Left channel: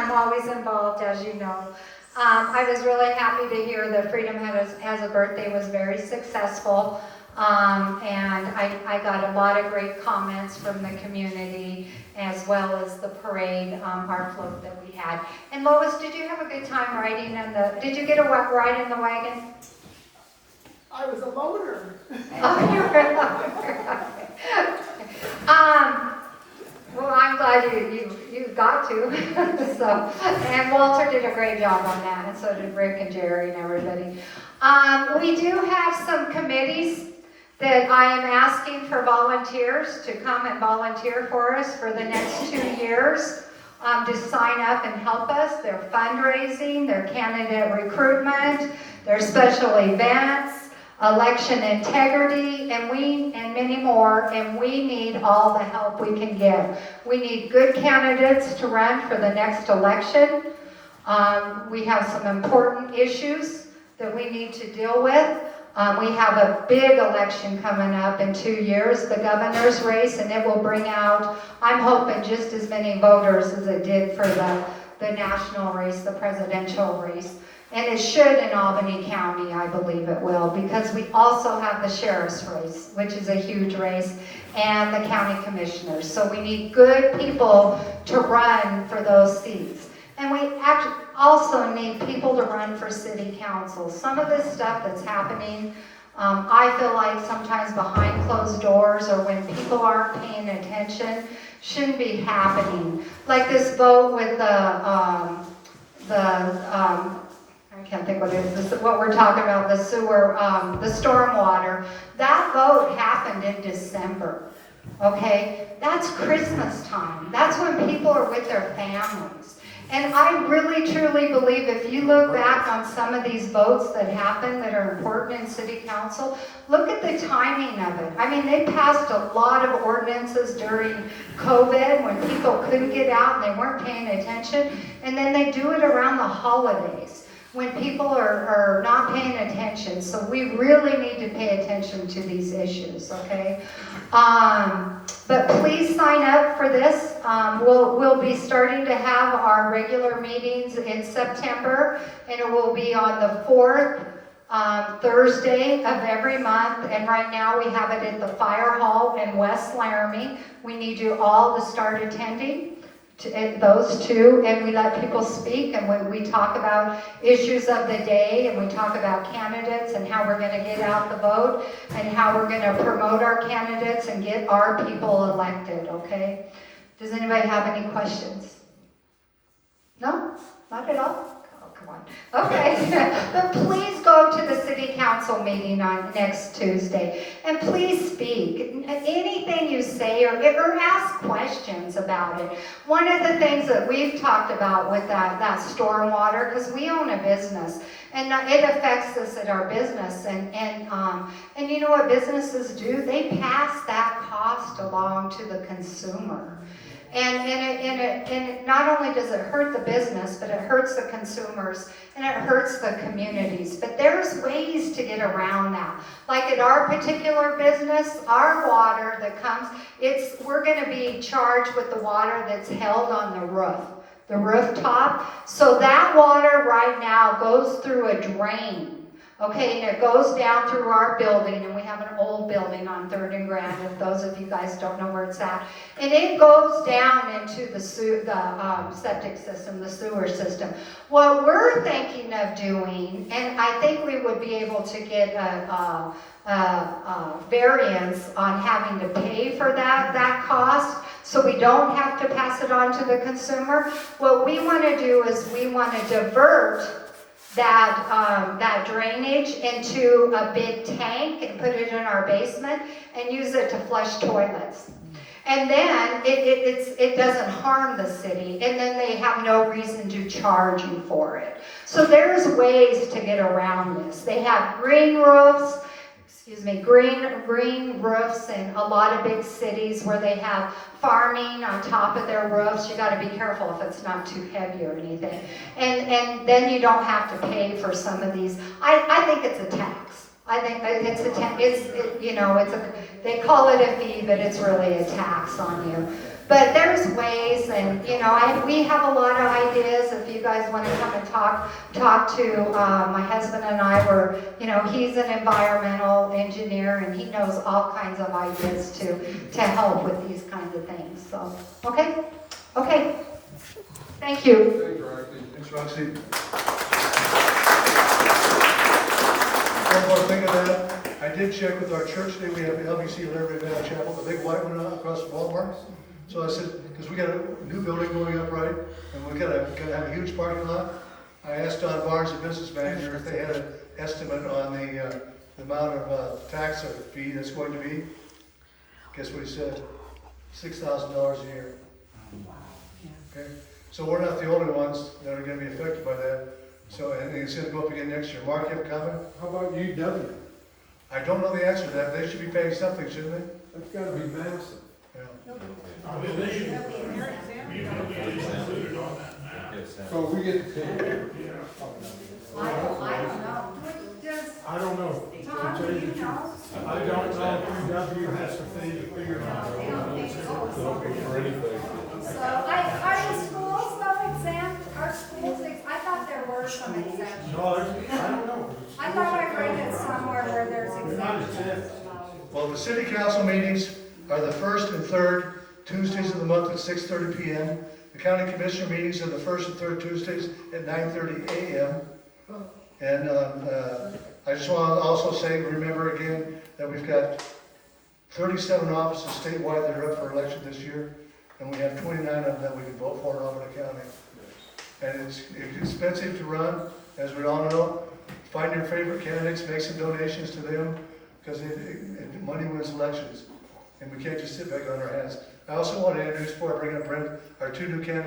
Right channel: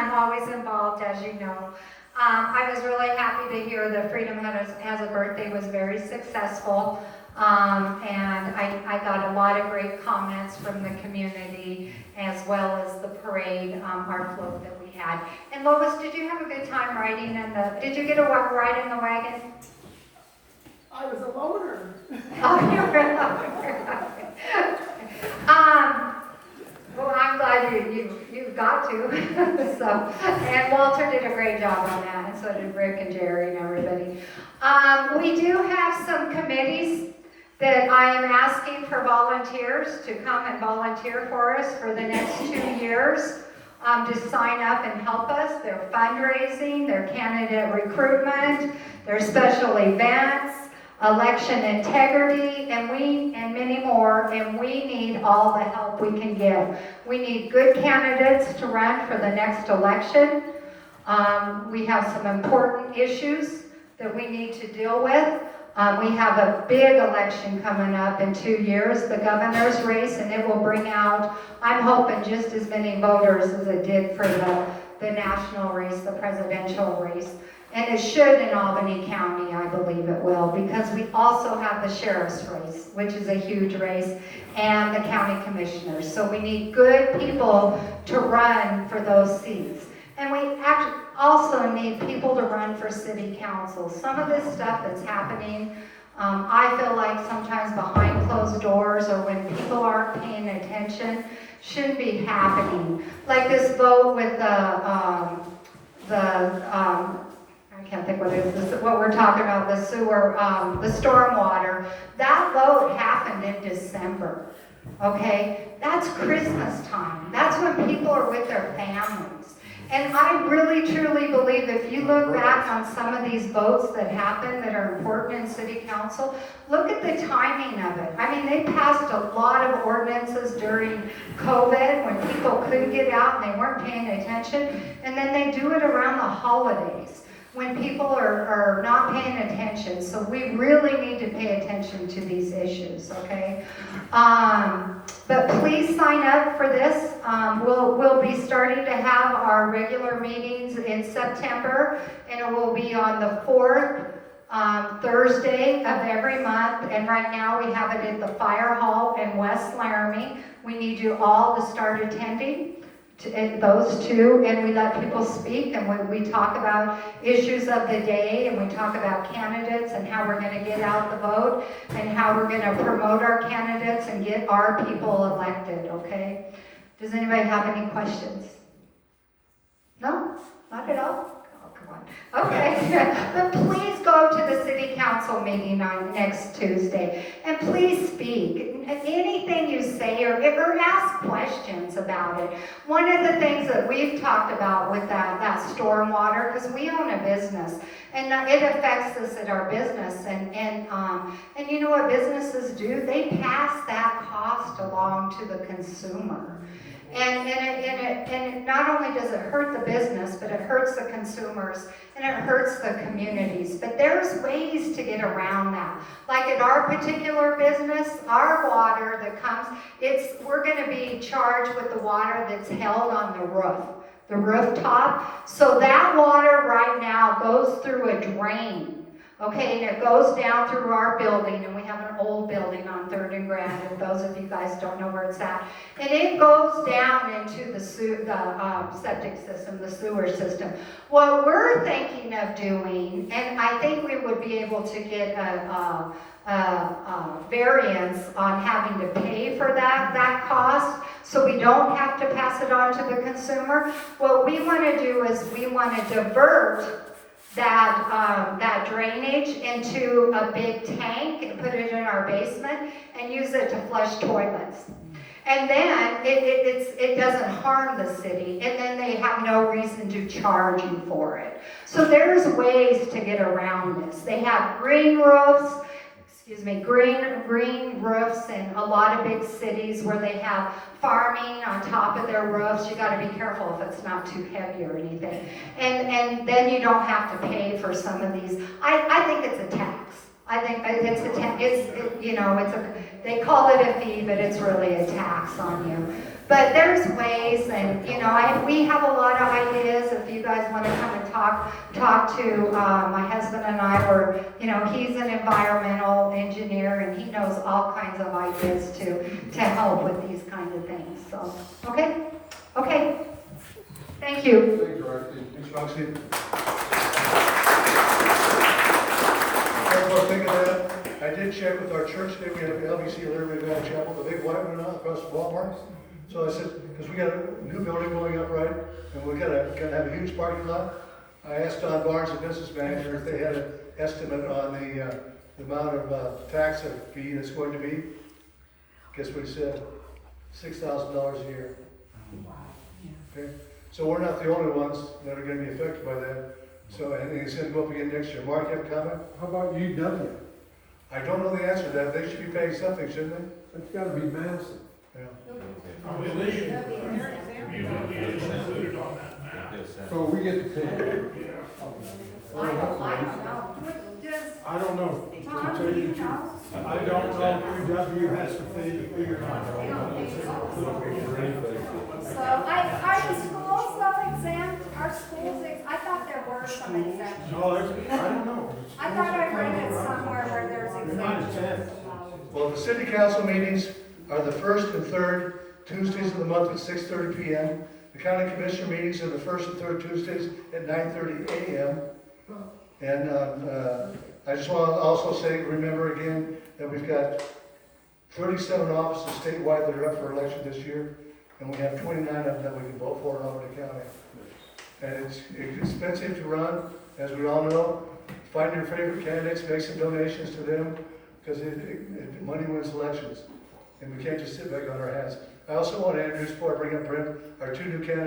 I'm always involved, as you know. I was really happy to hear that Freedom has a birthday was very successful. And I got a lot of great comments from the community, as well as the parade, our float that we had. And Lois, did you have a good time riding in did you get a ride in the wagon? I was a loner. Oh, you were a loner. Well, I'm glad you got to. So, and Walter did a great job on that, and so did Rick and Jerry and everybody. We do have some committees that I am asking for volunteers to come and volunteer for us for the next 2 years, to sign up and help us. Their fundraising, their candidate recruitment, their special events, election integrity, and many more, and we need all the help we can give. We need good candidates to run for the next election. We have some important issues that we need to deal with. We have a big election coming up in 2 years, the governor's race, and it will bring out, I'm hoping, just as many voters as it did for the national race, the presidential race. And it should in Albany County, I believe it will, because we also have the sheriff's race, which is a huge race, and the county commissioners. So we need good people to run for those seats. And we actually also need people to run for city council. Some of this stuff that's happening, I feel like sometimes behind closed doors or when people aren't paying attention, shouldn't be happening. Like this vote with I can't think what it is, what we're talking about, the sewer, the stormwater. That vote happened in December, okay? That's Christmas time. That's when people are with their families. And I really, truly believe if you look back on some of these votes that happen that are important in city council, look at the timing of it. I mean, they passed a lot of ordinances during COVID when people couldn't get out and they weren't paying attention. And then they do it around the holidays when people are not paying attention. So we really need to pay attention to these issues, okay? But please sign up for this. We'll be starting to have our regular meetings in September, and it will be on the 4th Thursday of every month. And right now we have it at the Fire Hall in West Laramie. We need you all to start attending. Those two, and we let people speak, and we talk about issues of the day, and we talk about candidates and how we're going to get out the vote and how we're going to promote our candidates and get our people elected, okay? Does anybody have any questions? No? Not at all? Oh, come on. Okay. But please go to the city council meeting on next Tuesday, and please speak. Anything you say or ask questions about it. One of the things that we've talked about with that stormwater, because we own a business, and it affects us at our business, and you know what businesses do? They pass that cost along to the consumer. And it not only does it hurt the business, but it hurts the consumers and it hurts the communities. But there's ways to get around that. Like at our particular business, our water that comes, we're going to be charged with the water that's held on the rooftop. So that water right now goes through a drain. Okay, and it goes down through our building, and we have an old building on 3rd and Grand, if those of you guys don't know where it's at. And it goes down into the septic system, the sewer system. What we're thinking of doing, and I think we would be able to get a variance on having to pay for that cost, so we don't have to pass it on to the consumer. What we want to do is we want to divert that drainage into a big tank and put it in our basement and use it to flush toilets. And then it doesn't harm the city, and then they have no reason to charge you for it. So there's ways to get around this. They have green roofs, green roofs in a lot of big cities where they have farming on top of their roofs. You got to be careful if it's not too heavy or anything. And then you don't have to pay for some of these. I think it's a tax. I think it's a tax. They call it a fee, but it's really a tax on you. But there's ways, and you know, we have a lot of ideas. If you guys want to come and talk to my husband and I, you know, he's an environmental engineer and he knows all kinds of ideas to help with these kinds of things. So, okay, thank you. Thanks, Roxie. One more thing of that, I did check with our church today. We have the LBC Laramie Valley Chapel, the big white one across Walmart. So I said, because we got a new building going up, right, and we gotta have a huge parking lot. I asked Don Barnes, the business manager, if they had an estimate on the amount of tax fee that's going to be. Guess what he said? $6,000 a year. Okay, so we're not the only ones that are going to be affected by that. So, and it's going to go up again next year. Mark, you have a comment? How about UW? I don't know the answer to that. They should be paying something, shouldn't they? That's gotta be massive. Yeah. So we get to pay. I don't know. I don't know. Tom, do you know? I don't know if UW has to pay to figure it out. So, are the schools though exempt? Are schools, I thought there were some exemptions. No, I don't know. I thought I read it somewhere where there's They're not exemptions. exempt. Well, the city council meetings are the first and third Tuesdays of the month at 6:30 p.m. The county commissioner meetings are the first and third Tuesdays at 9:30 a.m. And I just want to also say, remember again, that we've got 37 offices statewide that are up for election this year, and we have 29 of them that we can vote for in Albany County. And it's expensive to run, as we all know. Find your favorite candidates, make some donations to them, because money wins elections. And we can't just sit back on our hands. I also want to introduce, before I bring up Brent, our two new candidates.